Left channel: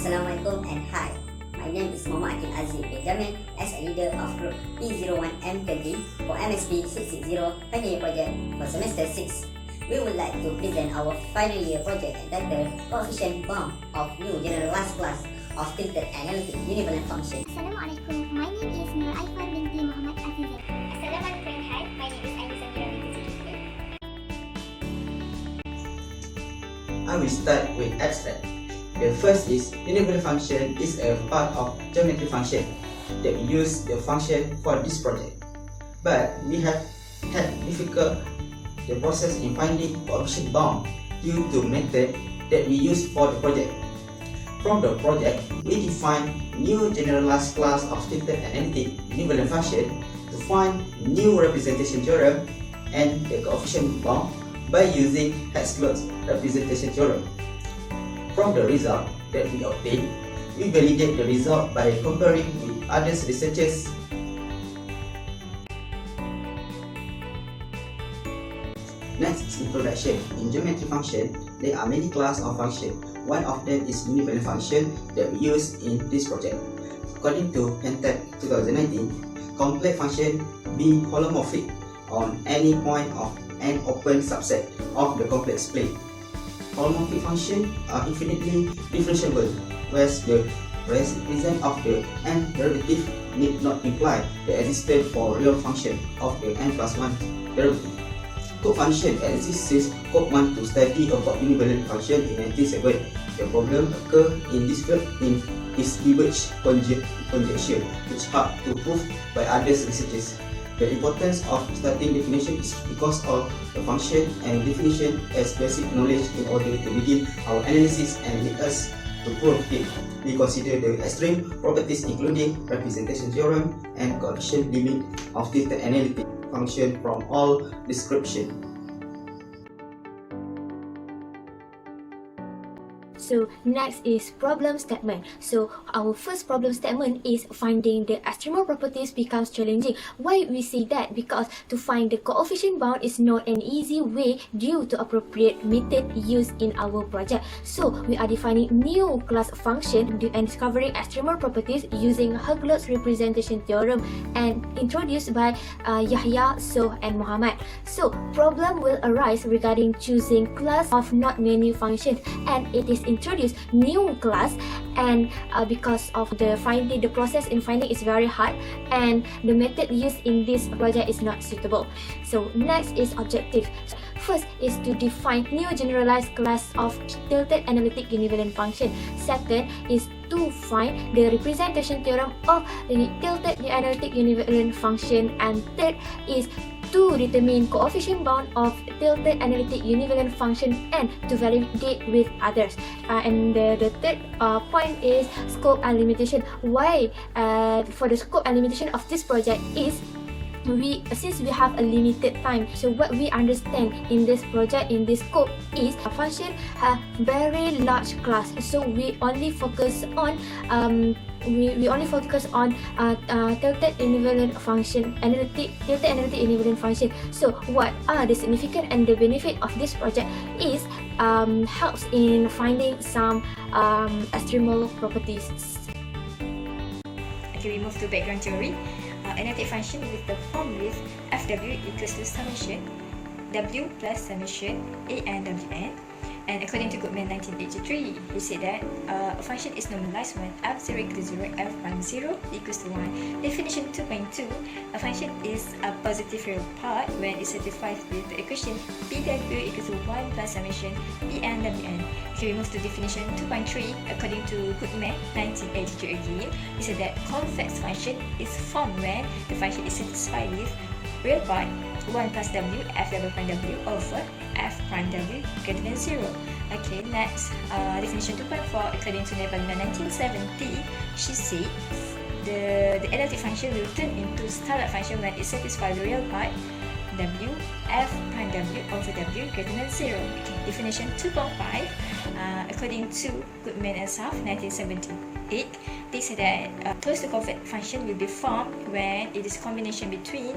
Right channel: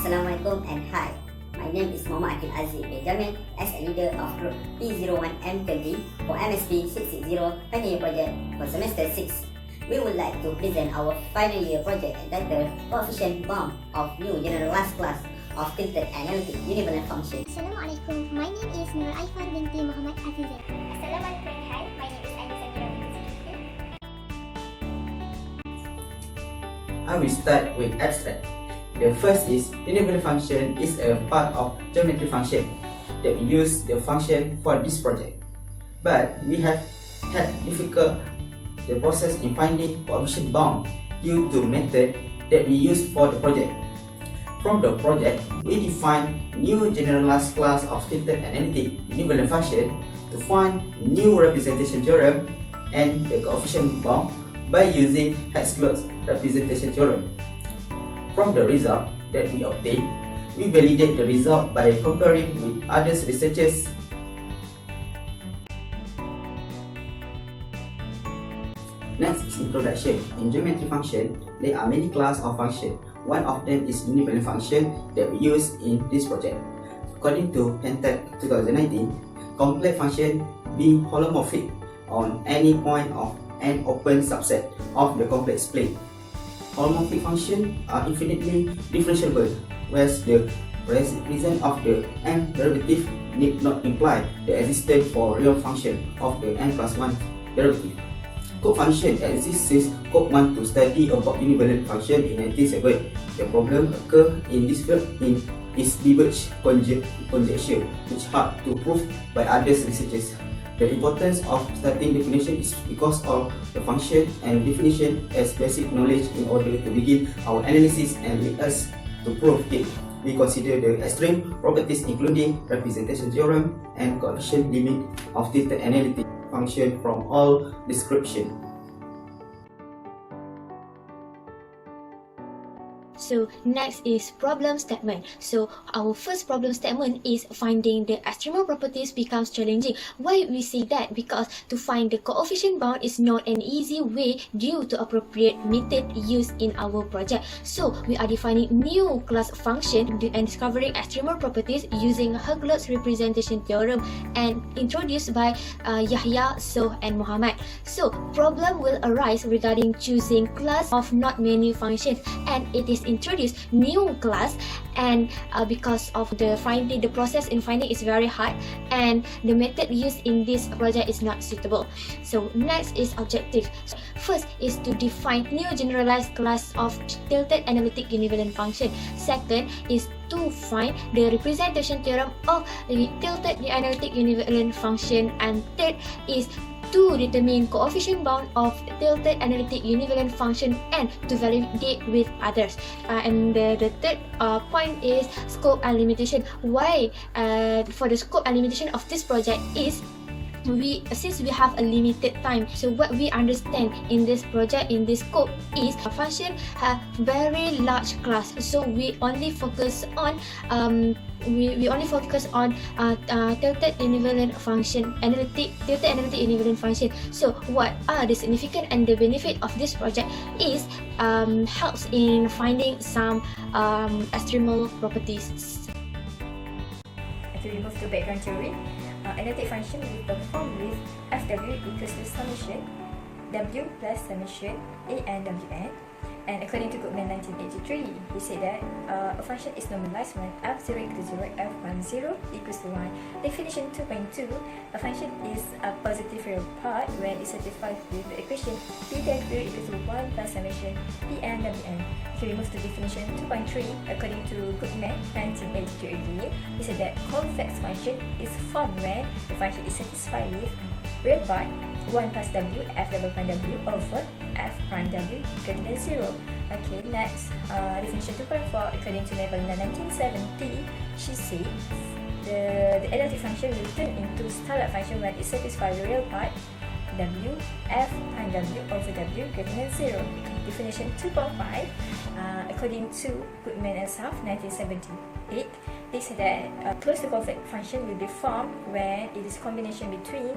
Assalamualaikum and hi. My name is Muhammad Akil Aziz bin Jamil as a leader of group P01M20 for MSP660 final year project for semester 6. We would like to present our final year project entitled Coefficient Bound of New Generalized Class of Tilted Analytic Univalent Function. Assalamualaikum. My name is Nur Aifar binti Muhammad Azizah. Assalamualaikum. Hi, my name is Aini Samira binti Zulkifli. I will start with abstract. The first is univalent function is a part of geometry function that we use the function for this project. But we have had difficult the process in finding coefficient bound due to method that we use for the project. From the project, we define new generalized class of tilted analytic univalent function to find new representation theorem and the coefficient bound by using Hetzler's representation theorem. From the result that we obtain, we validate the result by comparing with other researchers. Next is introduction. In geometry function, there are many classes of function. One of them is univalent function that we use in this project. According to Analytic 2019, complex function be holomorphic on any point of an open subset of the complex plane. Holomorphic functions are infinitely differentiable, whereas the presence of the n derivative need not imply the existence for real function of the n plus 1 derivative. Co-function exists since Cope want to study about univalent function in 1997. The problem occurs in this field is Lieber's conjecture, which hard to prove by other researchers. The importance of starting definition is because of the function and definition as basic knowledge in order to begin our analysis and lead us to prove it. We consider the extreme properties including representation theorem and coefficient limit of tilted analytic function from all description. So next is problem statement. So our first problem statement is finding the extremal properties becomes challenging. Why we see that? Because to find the coefficient bound is not an easy way due to appropriate method used in our project. So we are defining new class function and discovering extremal properties using Hetzler's representation theorem and introduced by Yahya, So and Muhammad. So problem will arise regarding choosing class of not many functions, and it is introduce new class, and because of the process in finding is very hard, and the method used in this project is not suitable. So next is objective. First is to define new generalized class of tilted analytic univalent function. Second is to find the representation theorem of the tilted analytic univalent function, and third is to determine coefficient bound of tilted analytic univalent function and to validate with others. And the third point is scope and limitation. Why for the scope and limitation of this project is since we have a limited time, so what we understand in this project, in this scope, is a function have very large class, so we only focus on tilted equivalent function, tilted analytic equivalent function. So what are the significance and the benefit of this project is helps in finding some extremal properties. Okay, we move to background theory. Analytic function will perform with Fw equals to summation W plus summation A and Wn. And according to Goodman 1983, he said that a function is normalized when f0 equals 0, f prime 0 equals to 1. Definition 2.2, a function is a positive real part when it satisfies with the equation Pw equals to 1 plus summation En Wn. Okay, we move to definition 2.3. According to Goodman 1983 again, he said that convex function is formed when the function is satisfied with real part 1 plus w f double prime w over f prime w greater than 0. Okay, next definition 2.4. According to Nevalina 1970, she said the analytic function will turn into standard function when it satisfies the real part w f prime w over w greater than 0. Okay, definition 2.5. According to Goodman and South 1978, they said that closed to convex function will be formed when it is a combination between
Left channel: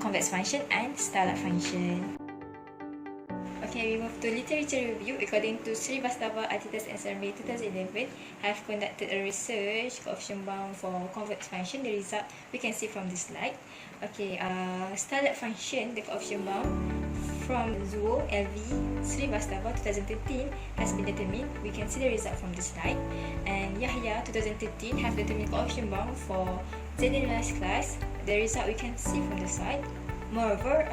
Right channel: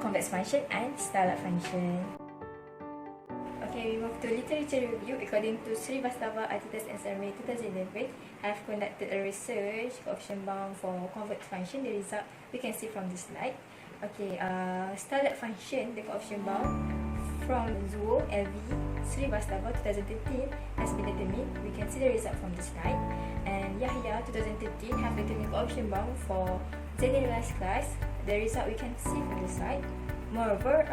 convex function and standard function. Okay, we move to literature review, according to Srivastava, Adidas and Survey 2011, have conducted a research coefficient bound for convex function. The result we can see from the slide. Okay, standard function, the coefficient bound from Zuo, LV, Srivastava 2013 has been determined. We can see the result from the slide. And Yahya 2013 have determined coefficient bound for generalized class. The result we can see from the slide. Moreover,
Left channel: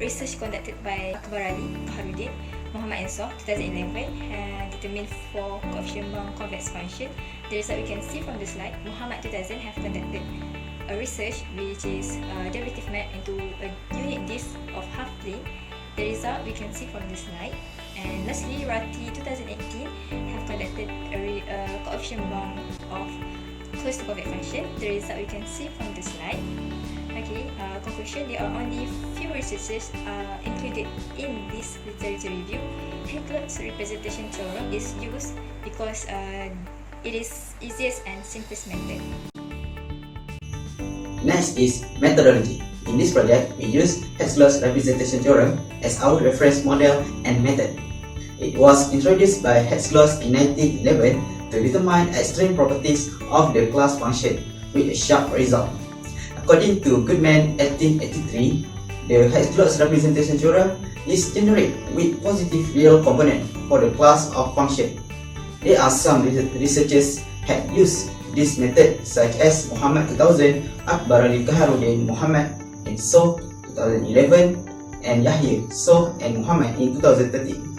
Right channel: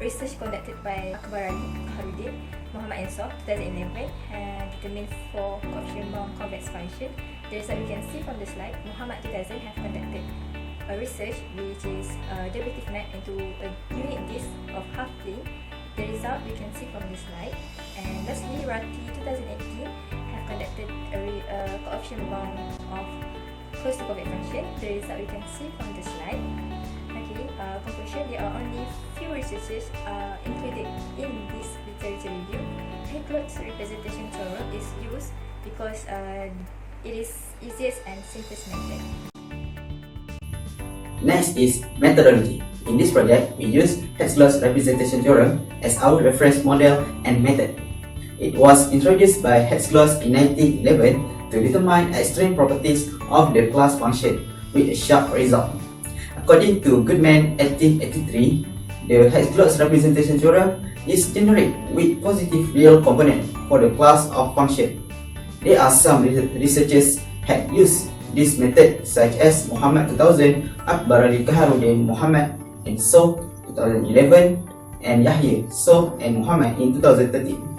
research conducted by Akbar Ali, Muhammadin, Muhammad Insof 2011 determined for coefficient bound convex function. The result we can see from the slide. Muhammad 2000 have conducted a research which is derivative map into a unit disk of half plane. The result we can see from the slide. And lastly, Rati 2018 have conducted a coefficient bound of closed convex function. The result we can see from the slide. Okay, conclusion, there are only few researches included in this literature review. Headcloth's representation theorem is used because it is easiest and simplest method. Next is methodology. In this project, we use Headcloth's representation theorem as our reference model and method. It was introduced by Headcloth in 1911 to determine extreme properties of the class function with a sharp result. According to Goodman 1883, the Headcloth's representation theorem is generic with positive real component for the class of function. There are some researchers had used this method, such as Muhammad 2000, Akbar Ali Kaharuddin Muhammad in So 2011, and Yahya So and Muhammad in 2013.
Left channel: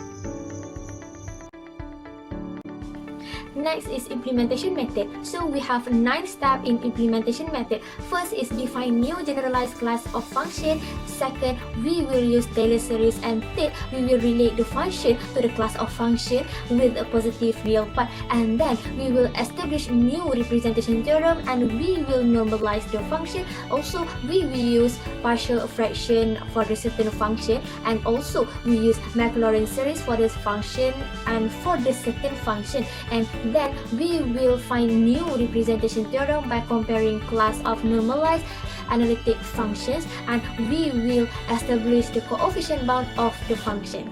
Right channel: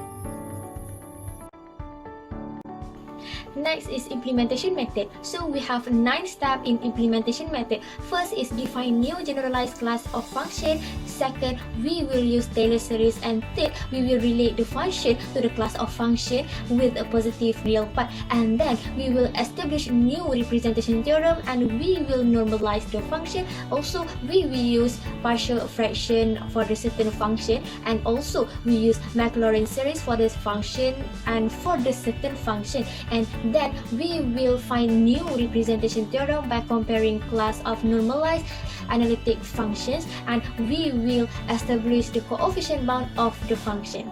Next is implementation method. So we have 9 steps in implementation method. First is define new generalized class of function. Second, we will use Taylor series, and third, we will relate the function to the class of function with a positive real part. And then we will establish new representation theorem, and we will normalize the function. Also, we will use partial fraction for the certain function, and also we use Maclaurin series for this function and for the second function. And then we will find new representation theorem by comparing class of normalized analytic functions, and we will establish the coefficient bound of the function.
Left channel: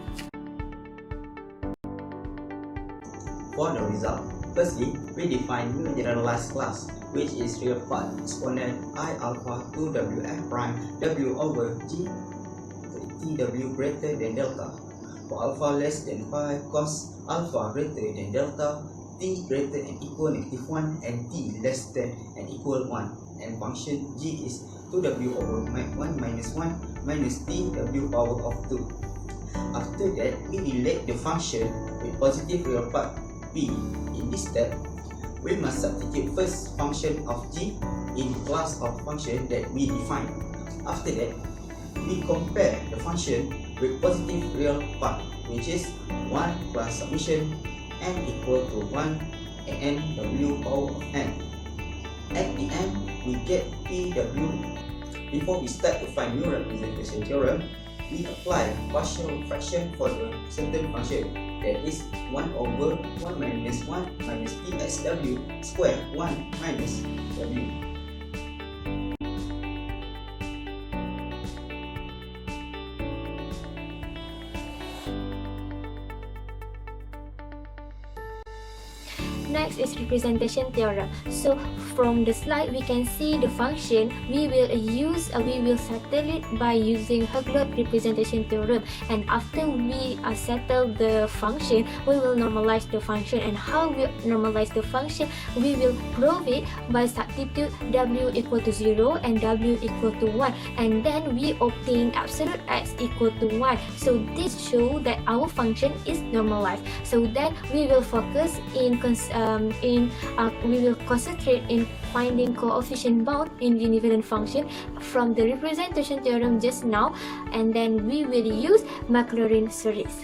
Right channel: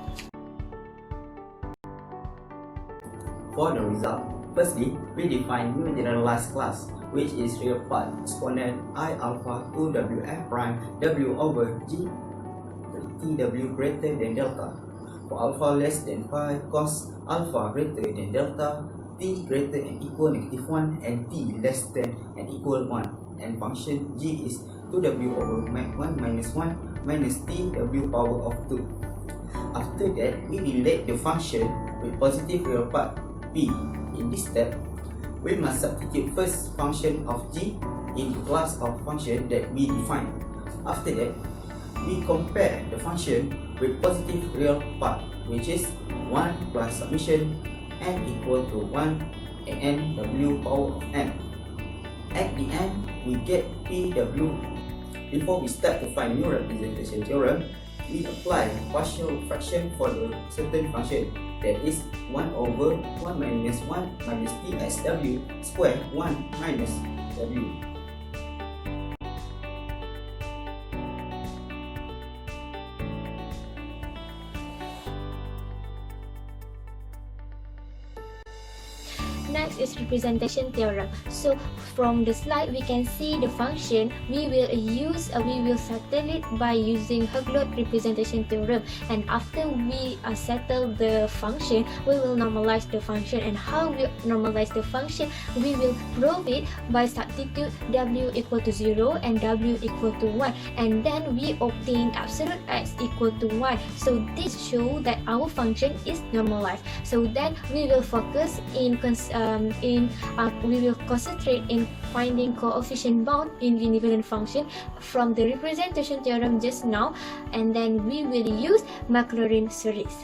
For the result, firstly, we define new generalized class, which is real part exponent I alpha 2wf prime w over g tw greater than delta. For alpha less than 5, cos alpha greater than delta, t greater than equal -1, and t less than and equal 1, and function g is 2w over 1 minus 1 minus tw power of 2. After that, we relate the function with positive real part p. In this step, we must substitute first function of g in the class of function that we define. After that, we compare the function with positive real part, which is 1 plus summation n equal to 1 and w power of n. At the end, we get pw. Before we start to find new representation theorem, we apply partial fraction for a certain function, that is 1 over 1 minus 1 minus pxw square 1 minus w. Next is representation theorem. So from the slide we can see the function. We will settle it by using Headcloth representation theorem, and after we settle the function, we will normalize the function. And how we normalize the function? We will prove it by substitute w equal to 0 and w equal to 1, and then we obtain absolute x equal to 1. So this shows that our function is normalized. So then we will focus we will concentrate in finding coefficient bound in the independent function from the representation theorem just now, and then we will use Maclaurin series.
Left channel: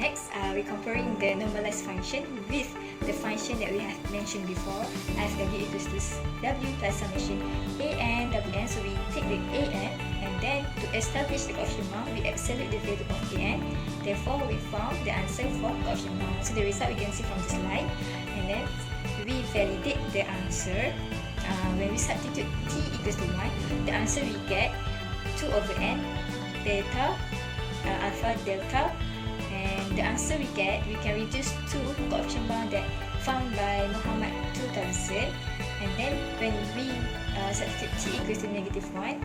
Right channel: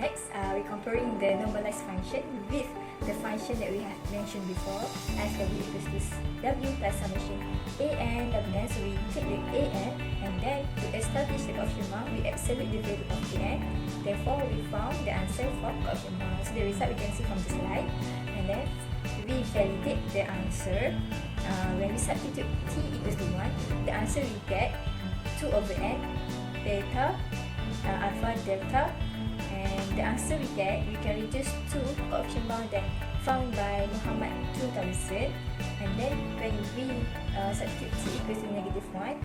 Next, we're comparing the normalized function with the function that we have mentioned before, as w equals to w plus summation a n wn. So we take the a n, and then to establish the coefficient bound, we absolute the value of a n. Therefore, we found the answer for coefficient bound. So the result we can see from the slide, and then we validate the answer. When we substitute t equals to 1, the answer we get 2 over n beta, alpha, delta, and the answer we get, we can reduce to coefficient bound that found by Muhammad 2000, and then when we substitute t equals to -1,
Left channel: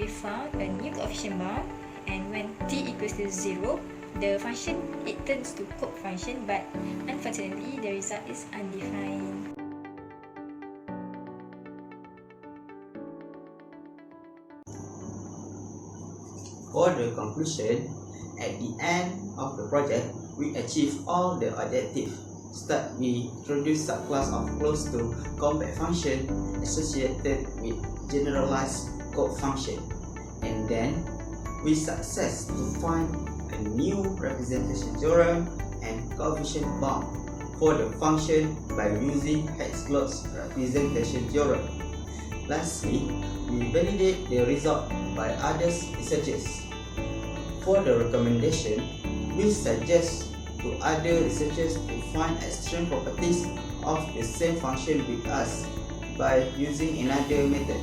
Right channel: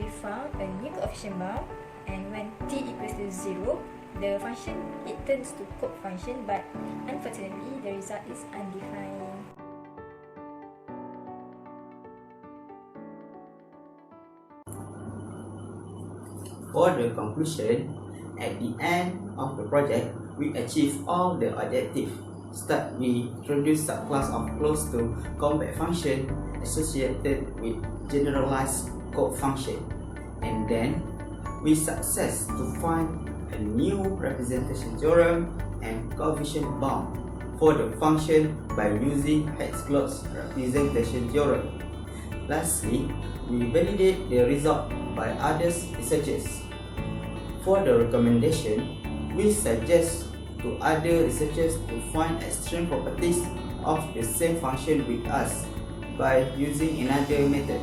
we found a new coefficient bound, and when t equals to 0, the function, it turns to cope function, but unfortunately the result is undefined. For the conclusion, at the end of the project, we achieve all the objectives. Start, we introduce subclass of close to compact function associated with generalized cope function, and then we success to find a new representation theorem and coefficient bound for the function by using Hatzlot's representation theorem. Lastly, we validate the result by other researchers. For the recommendation, we suggest to other researchers to find extreme properties of the same function with us by using another method.